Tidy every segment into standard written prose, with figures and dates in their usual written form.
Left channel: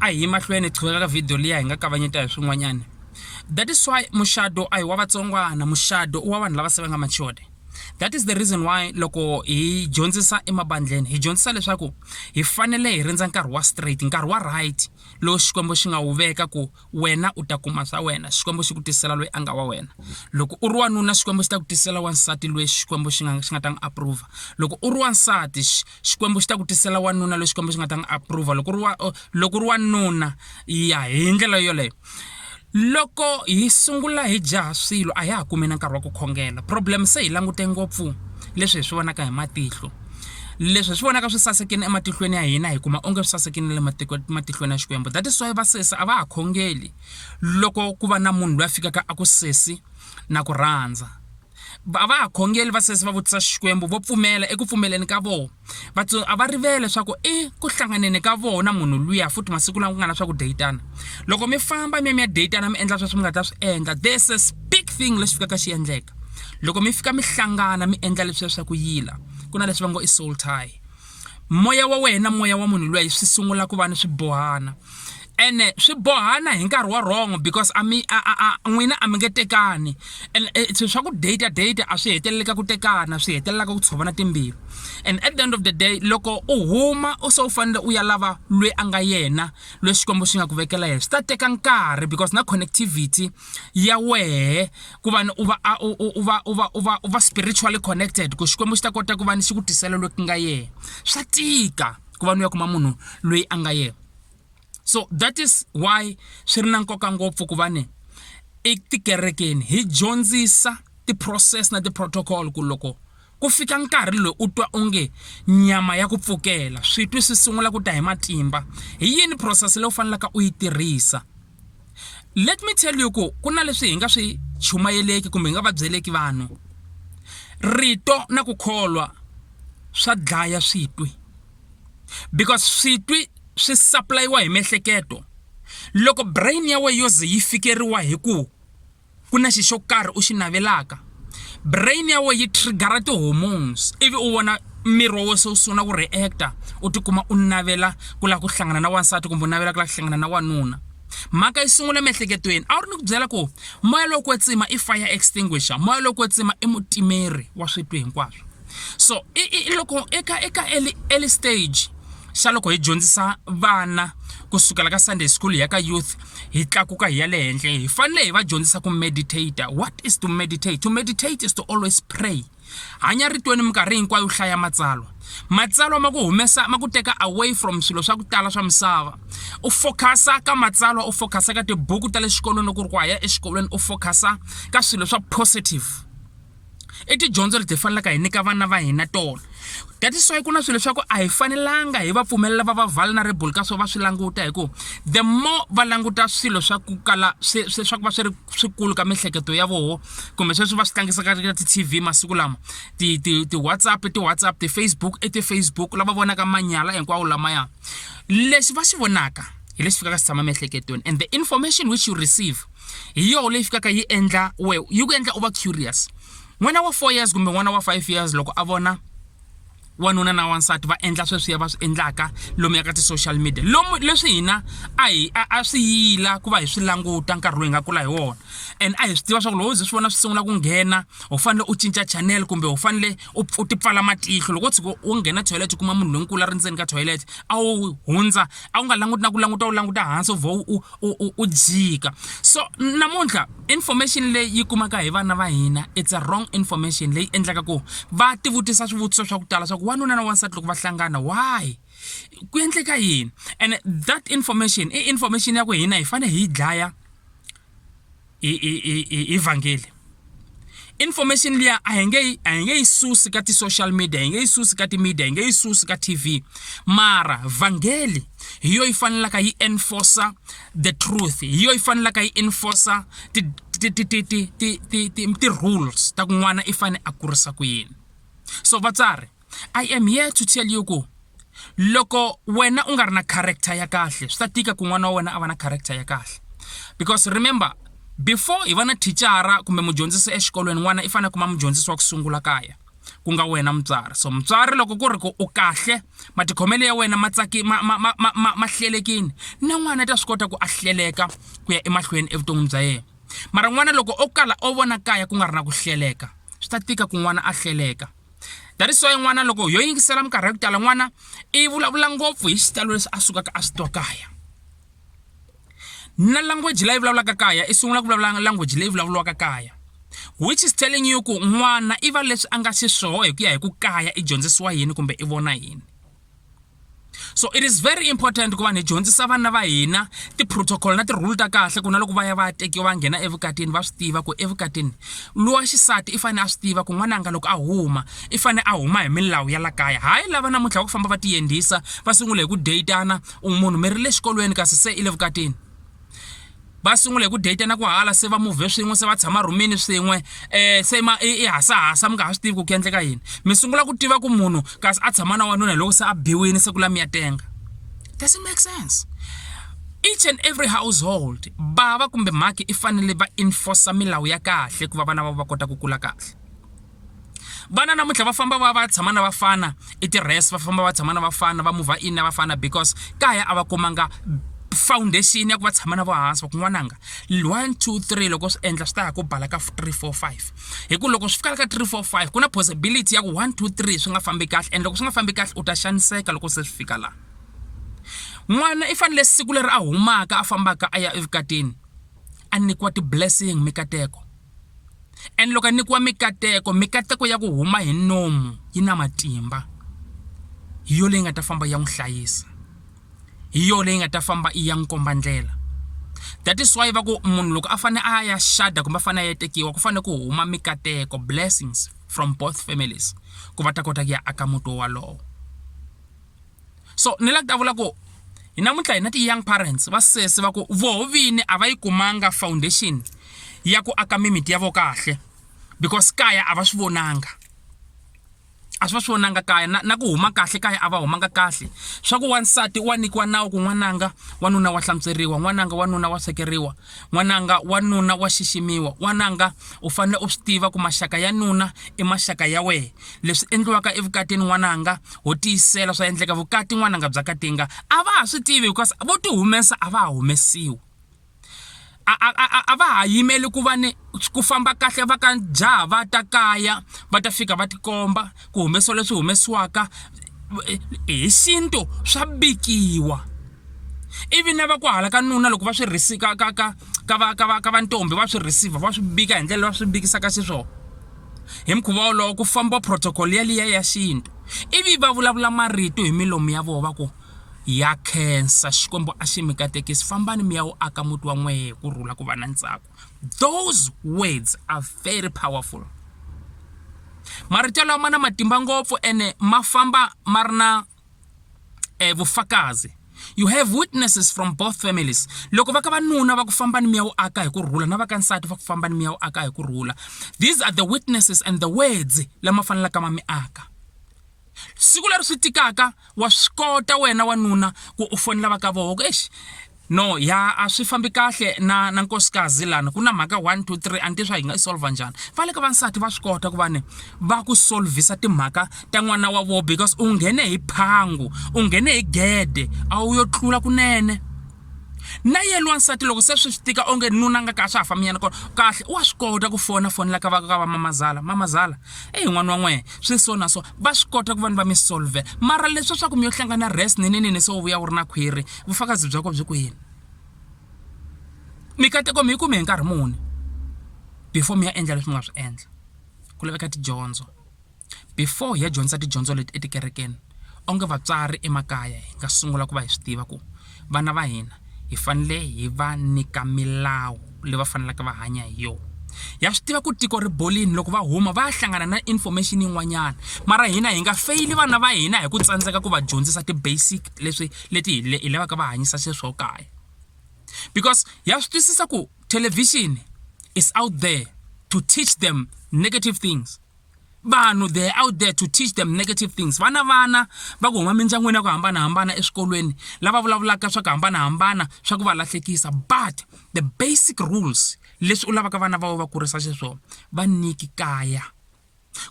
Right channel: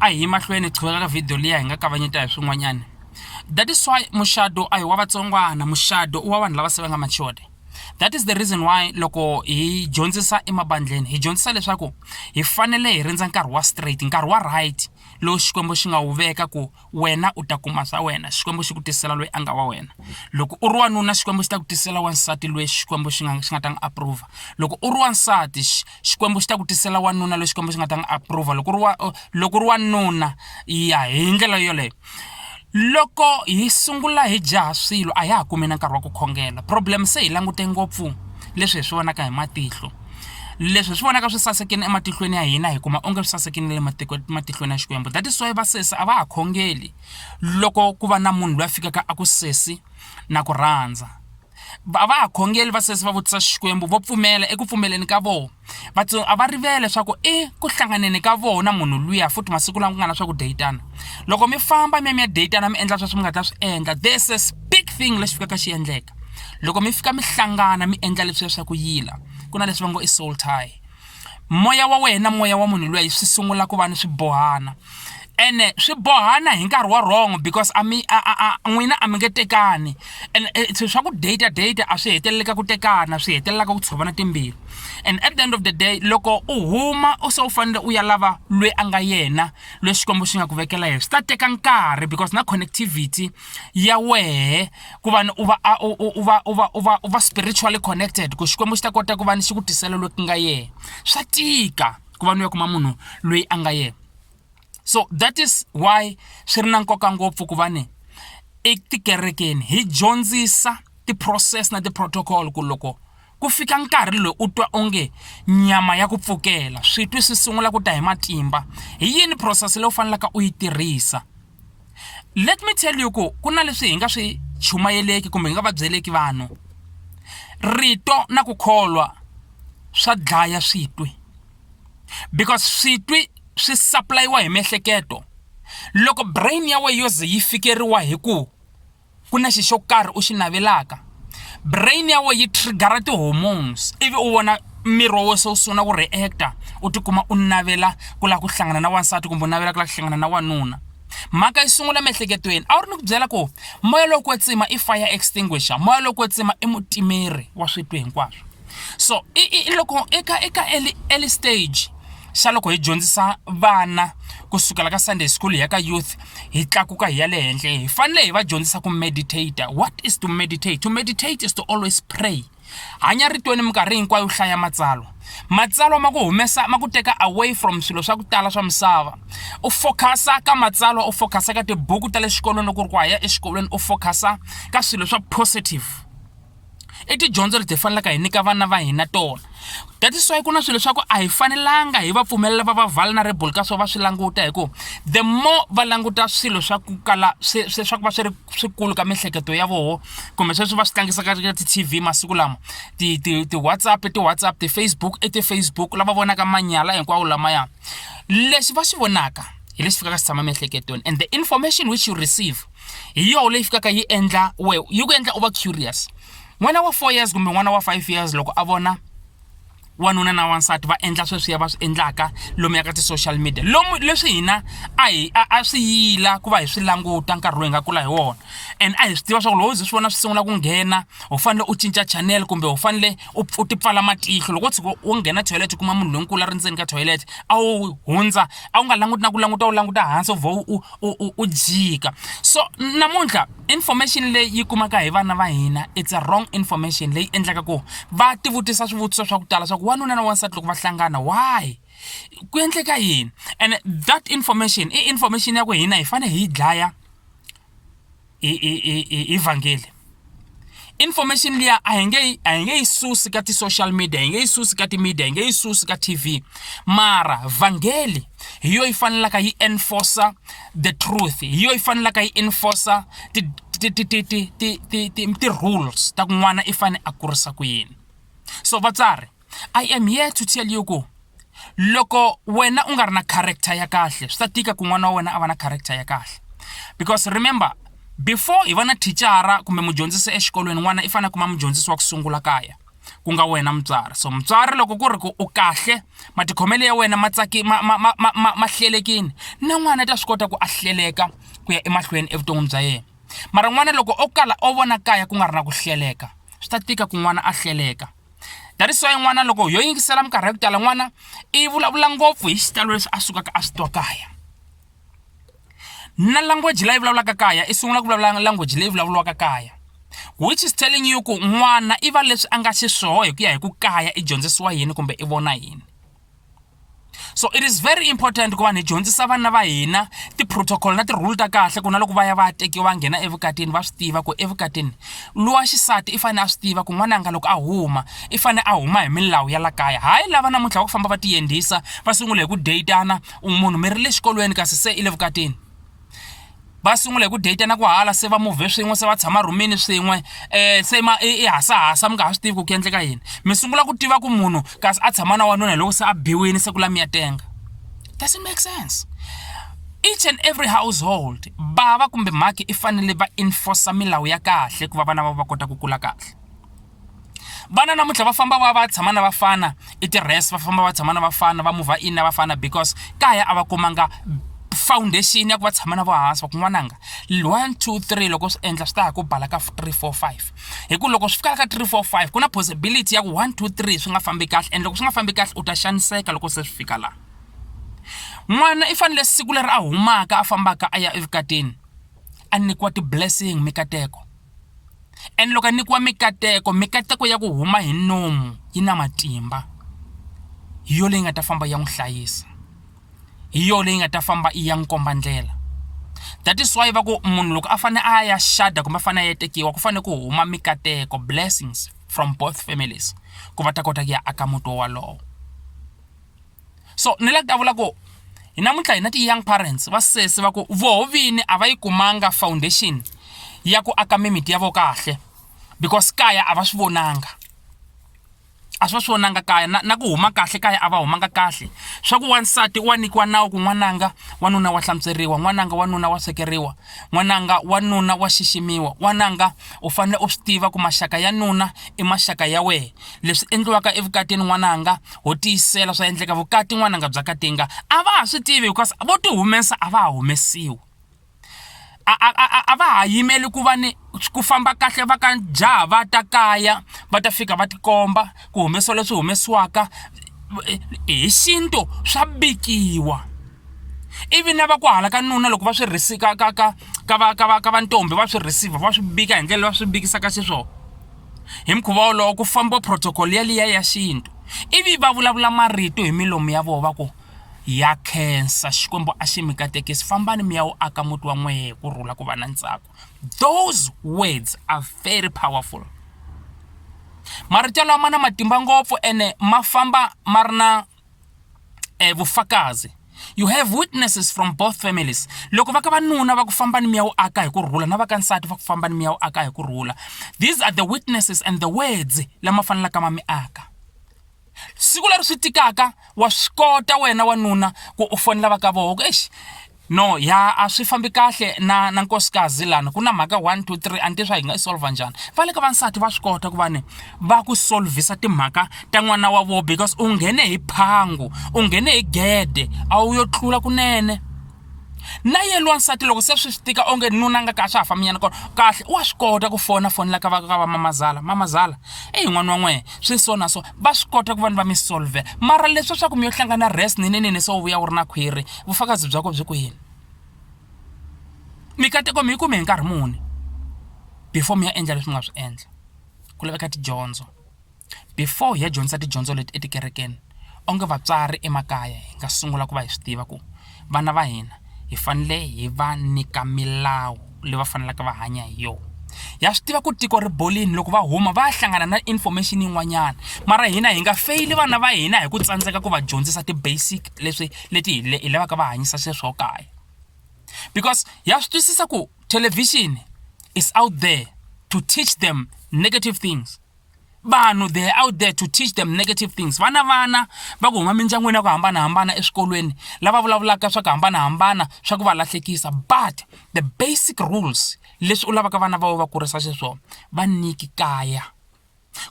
a hi mahlweni qhubeka ka video liya hi nga kavanyeta hi swin'wanyana. That is why mushado a hi wa vatsongwana, mushado wa vanhu lava se va nga matured. That is the reason why loko hi dyondzisa emabandleni hi dyondzisa leswaku hi fanele hi rindza nkarhi wa straight, nkarhi wa right lo xikwembu xi nga wu veka ku wena u ta kuma swa wena, xikwembu xi ku tisela loyi a nga wa wena. Loko u ri wanuna xikwembu xi ta ku tisela wansati loyi xikwembu xi nga ta n'wi approve. Loko u ri wansati xikwembu xi ta ku tisela wanuna loyi xikwembu xi nga ta n'wi approve. Loko u ri wanuna ya hi ndlela yoleyo. Loko hi sungula hi jaha swilo a ya ha kumi na nkarhi wa ku khongela. Problem se hi langute ngopfu leswi hi swi vonaka hi matihlo, leswi swi vonaka swi sasekini ematihlweni ya hina hi kuma onge swi sasekini le matihlweni ya xikwembu. That is why vasesi a va ha khongeli loko ku va na munhu loyi a fikaka a ku sesi na ku rhandza. A va ha khongeli vasesi va vutisa xikwembu vo pfumela eku pfumeleni ka vona. A va rivele leswaku ku hlanganeni ka vona munhu luya futhi masiku lawa ku nga na swa ku datana. Loko mi famba mi ya datana mi endla sweswi mi nga ta swi endla, there's a big thing lexi fikaka xi endleka. Loko mi fika mi hlangana mi endla leswi swa ku yila, ku na leswi va ngo i soul tie. Moya wa wena, moya wa munhu luya swi sungula ku va ni swibohana. Ene swi bohana hi nkarhi wa wrong because n'wina a mi nge tekani. And swa ku date a swi heteleleka ku tekana, swi hetelelaka ku tshovana timbilu. And at the end of the day loko u huma u so u fanele u ya lava loyi a nga yena loyi xikwembu xi nga ku vekela yena, swi ta teka nkarhi because na connectivity ya wehe ku va u va spiritually connected ku xikwembu xi ta kota ku va ni xi ku tisela loyi ku nga yena. Swa tika ku va ni ya kuma munhu loyi a nga yena. So that is why swi ri na nkoka ngopfu ku va ni etikerekeni hi dyondzisa ti-process na ti-protocol ku loko ku fika nkarhi loyi u twa onge nyama ya ku pfukela switwi swi sungula ku ta hi matimba, hi yini process leyi u fanelaka u yi tirhisa. Let me tell you ku na leswi hi nga swi chumayeleki kumbe hi nga va byeleki vanhu. Rito na ku kholwa swa dlaya switwi because switwi swi supply-wa hi miehleketo. Loko brain ya we yo ze yi fikeriwa hi ku na xo karhi u xi navelaka, brain ya we yi triggera ti-hormones ivi u vona miri wa we se u sungula ku reacta, u tikuma u navela ku lava ku hlangana na wansati kumbe u navela ku lava ku hlangana na wanuna. Mhaka yi sungula miehleketweni. A wu ri ni ku byela ku moya lowu kwetsima i fire extinguisher, moya lowu kwetsima i mutimeri wa switwi hinkwaswo. So loko eka early stage xa loko hi dyondzisa vana kusukela ka Sunday school ya ka youth hi tlakuka hi ya le henhla, hi fanele hi va dyondzisa ku meditate. What is to meditate? To meditate is to always pray. Hanya ritweni minkarhi hinkwayo u hlaya matsalwa ma ku humesa ma ku teka away from swilo swa ku tala swa misava. U focusa ka matsalwa, u focusa ka tibuku ta le xikolweni ku ri ku haya exikolweni, u focusa ka swilo swa positive. Tidyondzo leti hi fanelaka hi nyika vana va hina tona. That is why ku na swilo swa ku a hi fanelanga hi va pfumelela va vulnerable ka swo va swi languta hi ku the more va languta swilo swa ku kala swa ku va swi ri swikulu ka miehleketo ya voho kumbe sweswi va swi tlangisa ka ti-TV masiku lama, ti-WhatsApp, ti-Facebook, ti-Facebook lava vonaka manyala hinkwawo lamaya. Leswi va swi vonaka hi leswi fikaka swi tshama mihleketweni, and the information which you receive hi yoho leyi fikaka yi endla yi ku endla u va curious. N'wana wa 4 years kumbe n'wana wa 5 years loko a vona wanuna na wansati va endla sweswi va swi endlaka lomu ya ka ti-social media, leswi hina a swi yila ku va hi swi languta nkarhi loyi hi nga kula hi wona. And a hi swi tiva swa ku loko swi vona swi sungula ku nghena u fanele u cinca channel kumbe u fanele u ti pfala matihlo. Loko u tshuka u nghena toilet kuma munhu lonkulu a ri ndzeni ka toilet a wu hundza a wu nga languti na ku languta u languta hansi u jika. So namuntlha information leyi yi kumaka hi vana va hina it's a wrong information leyi endlaka ku va tivutisa swivutiso swa ku tala swa ku wanuna na wansati loko va hlangana why ku endleka yini. And that information information ya ku hina hi fanele hi dlaya evangeli. Information liya a hi nge yi susi ka ti-social media, hi nge yi susi ka ti-media, hi nge yi susi ka TV, mara vangeli hi yo yi fanelaka yi enforcer the truth, hi yo yi fanelaka yi enforcer ti-rules ta ku n'wana i fanele a kurisa ku yini. So vatsari, I am here to tell you ku loko wena u nga ri na character ya kahle swi ta tika ku n'wana wa wena a va na character ya kahle. Because remember before hi va na thicara kumbe mudyondzisi exikolweni n'wana i fanele kuma mudyondzisi wa ku sungula kaya. ku nga wena mutswari. So mutswari loko ku ri ku u kahle matikhomelo ya wena matsaki ma hlelekini na n'wana ta swi kota ku a hleleka ku ya emahlweni evuton'wini bya yena. Mara n'wana loko o kala o vona kaya ku nga ri na ku hleleka swi ta tika ku n'wana a hleleka. That is why n'wana loko yo yingisela minkarhi ya ku tala n'wana i vulavula ngopfu hi xitalo leswi a sukaka a swi twa kaya. Na language leyi vulavulaka kaya i sungula ku vulavula language leyi vulavuriwaka kaya, which is telling you ku n'wana i va leswi a nga xiswoho hi ku ya hi ku kaya i dyondzisiwa yini kumbe i vona yini. So it is very important ku va ni dyondzisa vana va hina ti-protocol na ti-rule ta kahle ku na loko va ya va tekiwa va nghena evukatini va swi tiva ku evukatini luwa xisati i fanele a swi tiva ku n'wananga loko a huma i fanele a huma hi milawu ya la kaya. Hayi lava namuntlha va ku famba va tiyendisa va sungula hi ku datana munhu mi ri le xikolweni kasi se i le vukatini. Va sungula hi ku datana ku hala se va move swin'we se va tshama rumini swin'we se i hasa mi nga ha swi tivi ku endleka yini. Mi sungula ku tiva ku munhu kasi a tshama na wanuna loko se a biwini se ku la mi ya tenga. Doesn't make sense. Each and every household bava kumbe mhaki i fanele va enforce milawu ya kahle ku va vana va kota ku kula kahle. Vana namuntlha va famba va tshama na vafana i ti-rest va famba va tshama na vafana va move in na vafana because kaya a va kumanga foundation ya ku va tshama na vo hansi va ku n'wananga 1 2 3 loko swi endla swi ta ya ku bala ka 3 4 5 hi ku loko swi fika ka 3 4 5 ku na possibility ya ku 1 2 3 swi nga fambi kahle and loko swi nga fambi kahle u ta xaniseka loko se swi fika la. N'wana i fanele siku leri a humaka a fambaka a ya evukatini a nyikiwa ti-blessing mikateko, and loko a nyikiwa mikateko ya ku huma hi nomu yi na matimba hi yo leyi nga ta famba ya n'wi hlayisa, hi yo leyi nga ta famba i ya n'wi komba ndlela. That is why va ku munhu loko a fanele a ya shada kumbe a fanele a ya tekiwa ku fanele ku huma mikateko, blessings from both families ku va ta kota ku ya aka muti walowo. So ni la ku ta vula ku hi namuntlha hi na ti-young parents va sesi va ku voho vini a va yi kumanga foundation ya ku aka mimiti ya vo kahle because kaya a va swi vonanga. A swi va swi vonanga kaya na ku huma kahle kaya a va humanga kahle. Swa ku wansati wa nyikiwa nawu ku n'wananga wanuna wa hlantsweriwa, n'wananga wanuna wa swekeriwa, n'wananga wanuna wa xiximiwa, n'wananga u fanele u swi tiva ku maxaka ya nuna i maxaka ya wehe. Leswi endliwaka evukatini n'wananga ho tiyisela swa endleka vukati n'wananga bya katinga a va ha swi tivi because vo ti humesa a va ha humesiwi. A va ha yimeli ku va ni ku famba kahle va ka jaha va ta kaya va ta fika va tikomba ku humesiwa leswi humesiwaka hi xintu swa bikiwa. Ivi na va ku hala ka nuna loko va swi risika ka va ntombi va swi receive va swi bika hi ndlela va swi bikisaka xiswona. Hi mukhuva wolowo ku famba protocol ya liya ya xintu ivi va vulavula marito hi milomu ya vona va ku ya khensa xikwembu a xi mi katekisi fambani mi ya wu aka muti wa n'wehe ku rhula ku va na ntsako. Those words are very powerful. Marito lawa ma na matimba ngopfu ene ma famba ma ri na vufakazi. You have witnesses from both families. Loko va ka vanuna va ku fambani mi ya wu aka hi ku rhula na va ka nsati va ku fambani mi ya wu aka hi ku rhula. These are the witnesses and the words lama fanelaka ma mi aka. Siku leri swi tikaka wa swi kota wena wanuna ku u fonela va ka voho no ya a swi fambi kahle na nkosikazi lana ku na mhaka 1 2 3 anti swa hi nga solve njhani. Va le ka vansati va swi kota ku va ni va ku solvisa timhaka ta n'wana wa vo because u nghene hi phangu u nghene hi gede a wu yo tlula kunene. Na yena wansati loko se swi tika onge nuna nga ka swa famiyana kona kahle wa swi kota ku fonela ka va mamazala n'wana wa n'wehe swi so na so va swi kota ku va ni va mi solve. Mara leswi swa ku mi yo hlangana rest nini so vuya u ri na khwiri vufakazi byako byi kwini. Mikateko mi yi kume hi nkarhi muni before mi ya endla leswi mi nga swi endla. Ku laveka tidyondzo before hi ya dyondzisa tidyondzo leti etikerekeni onge vatswari emakaya hi nga sungula ku va hi swi tiva ku vana va hina hi fanele hi va nyika milawu leyi va fanelaka va hanya hi yona. Ya swi tiva ku tiko ri bolini loko va huma va hlangana na information yin'wanyana mara hina hi nga fail vana va hina hi ku tsandzeka ku va dyondzisa ti-basic leti hi lavaka va hanyisa sweswo kaya. Because ya swi twisisa ku television is out there to teach them negative things. Vanhu they're out there to teach them negative things. Vana va ku huma mindyangwini ya ku hambanahambana eswikolweni lava vulavulaka swa ku hambanahambana swa ku va lahlekisa, but the basic rules leswi u lavaka vana va kurisa xiswona va nyiki kaya.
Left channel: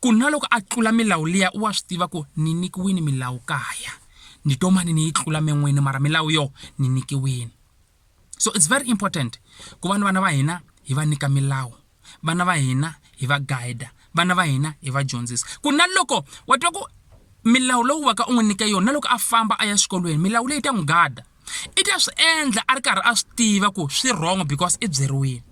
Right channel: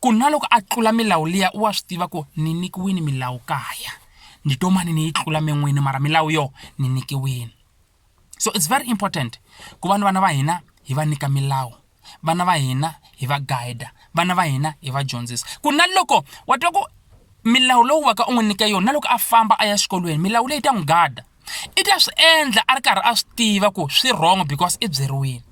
ku na loko a tlula milawu liya wa swi tiva ku ni nikiwini milawu kaya ni to mani ni yi tlula men'wini mara milawu yo ni nikiwini. So it's very important ku vana va hina hi va nyika milawu, vana va hina hi va guide, vana va hina hi va dyondzisa ku na loko wa twa ku milawu lowu va ka u n'wi nyika yona na loko a famba a ya xikolweni milawu leyi ta n'wi gada i ta swi endla a ri karhi a swi tiva ku swi wrong because i byeriwile.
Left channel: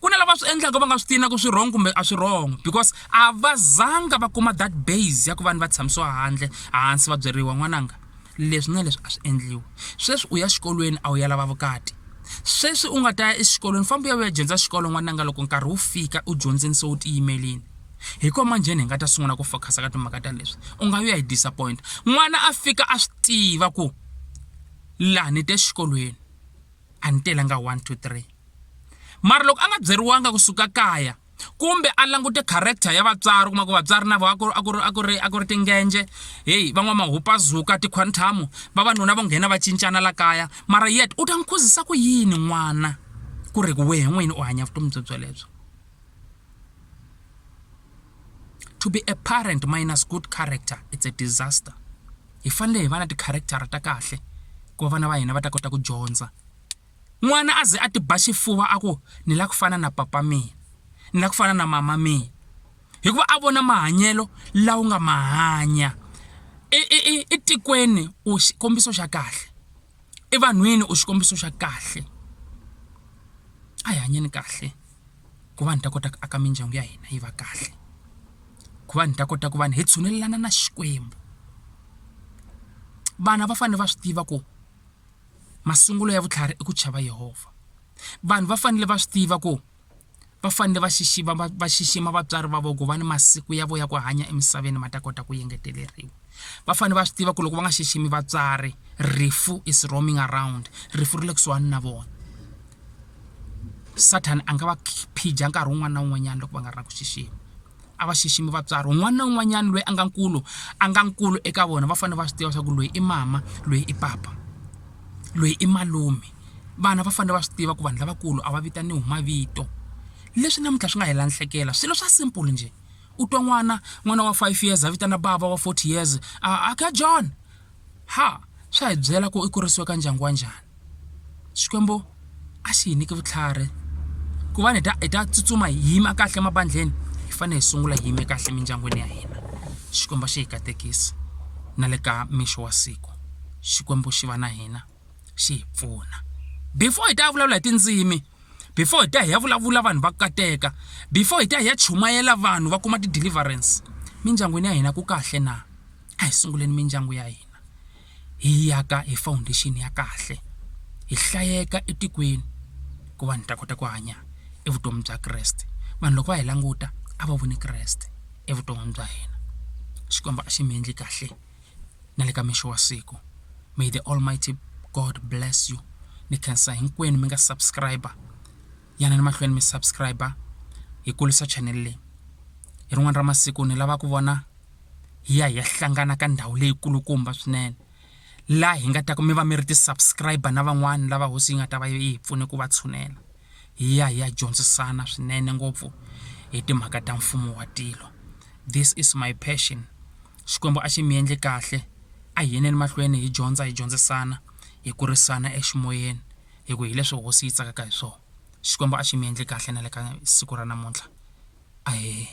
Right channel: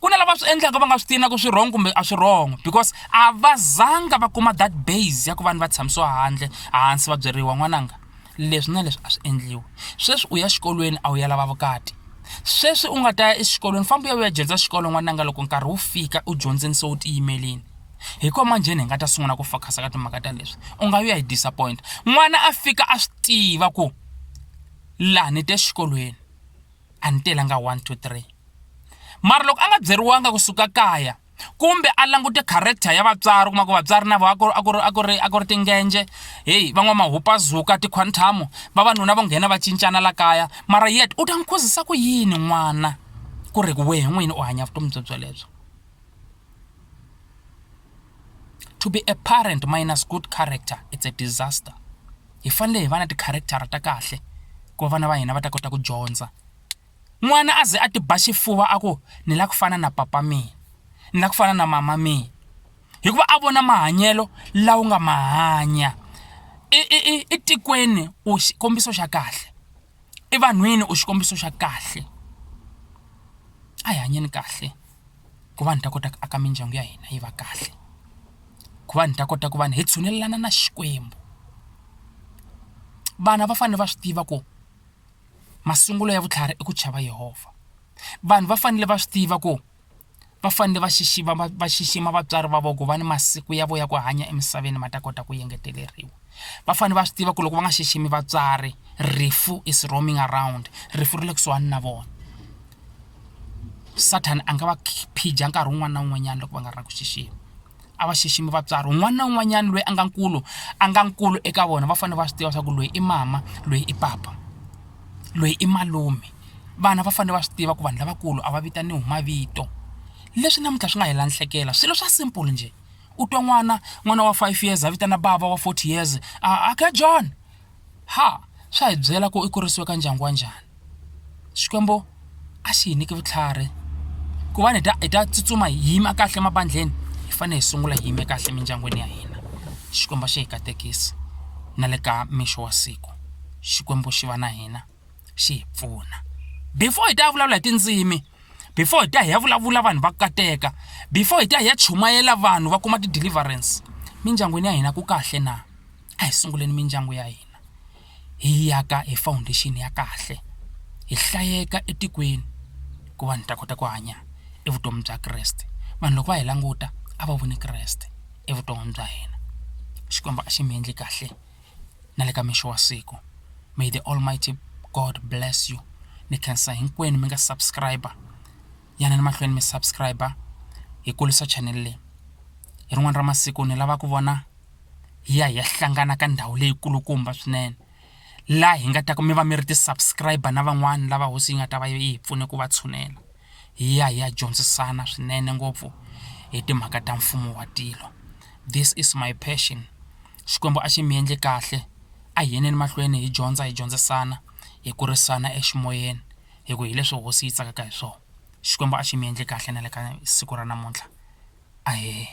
Ku na lava swi endlaka va nga swi tiva ku swi wrong kumbe a swi wrong because a va zanga va kuma that base ya ku vanhu va tshamisiwa hansi va byeriwa n'wananga leswi na leswi a swi endliwa. Sweswi u ya xikolweni a wu ya lava vukati, sweswi u nga ta ya exikolweni famba u ya dyondza xikolo n'wananga loko nkarhi wu fika u dyondzeni se u tiyimelini. Hikuva manjheni hi nga ta sungula ku focus ka timhaka ta leswi u nga ya hi disappoint. N'wana a fika a swi tiva ku laha ni te xikolweni a ni telanga 1 2 3 mara loko a nga byeriwanga kusuka kaya kumbe a langute character ya vatswari kuma ku vatswari na vo a ku ri tingenje hey van'wamahupazuka tikhwantamu vavanuna vo nghena va cincana la kaya mara yet u ta n'wi khuzisa ku yini n'wana ku ri wehe n'wini u hanya vutomi byelebyo. To be a parent minus good character, it's a disaster. Hi fanele hi va na ti-character ta kahle ku vana va hina va ta kota ku dyondza. N'wana a ze a ti ba xifuva a ku ni la ku fana na papa mina, ni la ku fana na mama mina, hikuva a vona mahanyelo lawa nga mahanya etikweni u xikombiso xa kahle, evanhwini u xikombiso xa kahle. A hi hanyeni kahle ku va ni ta kota ku aka mindyangu ya hina yi va kahle, ku va ni ta kota ku va ni hi tshunelelana na Xikwembu. Vana va fanele va swi tiva ku masungulo ya vutlhari i ku chava Yehovha. Vanhu va fanele va swi tiva ku va fanele va xixima vatswari va vona ku va ni masiku ya vo ya ku hanya emisaveni ma ta kota ku engeteleriwa. Va fanele va swi tiva ku loko va nga xiximi vatswari rifu is roaming around, rifu ri le kusuhani na vona. Satan a nga va phija nkarhi wun'wana na wun'wanyana loko va nga ri na ku xixima. A va xiximi vatswari un'wana na un'wanyana loyi a nga nkulu eka vona va fanele va swi tiva swa ku loyi i mama, loyi i papa, loyi i malume. Vana va fanele va swi tiva ku vanhu lavakulu a va vitaniwi hi mavito. Leswi namuntlha swi nga hi lanhlekela swilo swa simple nje. U twa n'wana wa 5 years a vitana bava wa 40 years aka John. Swa hi byela ku i kurisiwe ka ndyangu wa njhani. Xikwembu a xi hi nyiki vutlhari ku va hi ta tsutsuma hi yima kahle mabandleni. Hi fanele hi sungula hi yime kahle mindyangwini ya hina. Xikwembu xi hi katekisi na le ka mixo wa siku. Xikwembu xi va na hina xi hi pfuna. Before hi ta vulavula hi tindzimi, before hi ta hi ya vulavula vanhu va kateka, before hi ta hi ya chumayela vanhu va kuma ti-deliverance, mindyangwini ya hina ku kahle na? A hi sunguleni mindyangu ya hina hi yaka hi foundation ya kahle, hi hlayeka etikweni ku vanhu ta kota ku hanya evutomi bya Kreste. Vanhu loko va hi languta a va voni Kreste evutomi bya hina. Xikwembu a xi mi endli kahle na le ka mixo wa siku. May the Almighty God bless you. Ni khensa hinkwenu mi nga subscriber, yana ni mahlweni mi subscriber hi kulisa channel leyi. Hi rin'wana ra masiku ni lava ku vona hi ya hlangana ka ndhawu leyi kulukumba swinene laha hi nga ta ku mi va mi ri ti-subscriber na van'wana lava hosi yi nga ta va yi hi pfune ku va tshunela. Hi ya dyondzisana swinene ngopfu hi timhaka ta mfumo wa tilo. This is my passion. Xikwembu a xi mi endli kahle. A hi yeneni mahlweni hi dyondzisana, hi kurisana eximoyeni hi ku hi leswi hosi yi tsakaka hi swona. Xikwembu a xi mi endli kahle na le ka siku ra namuntlha. Ahee.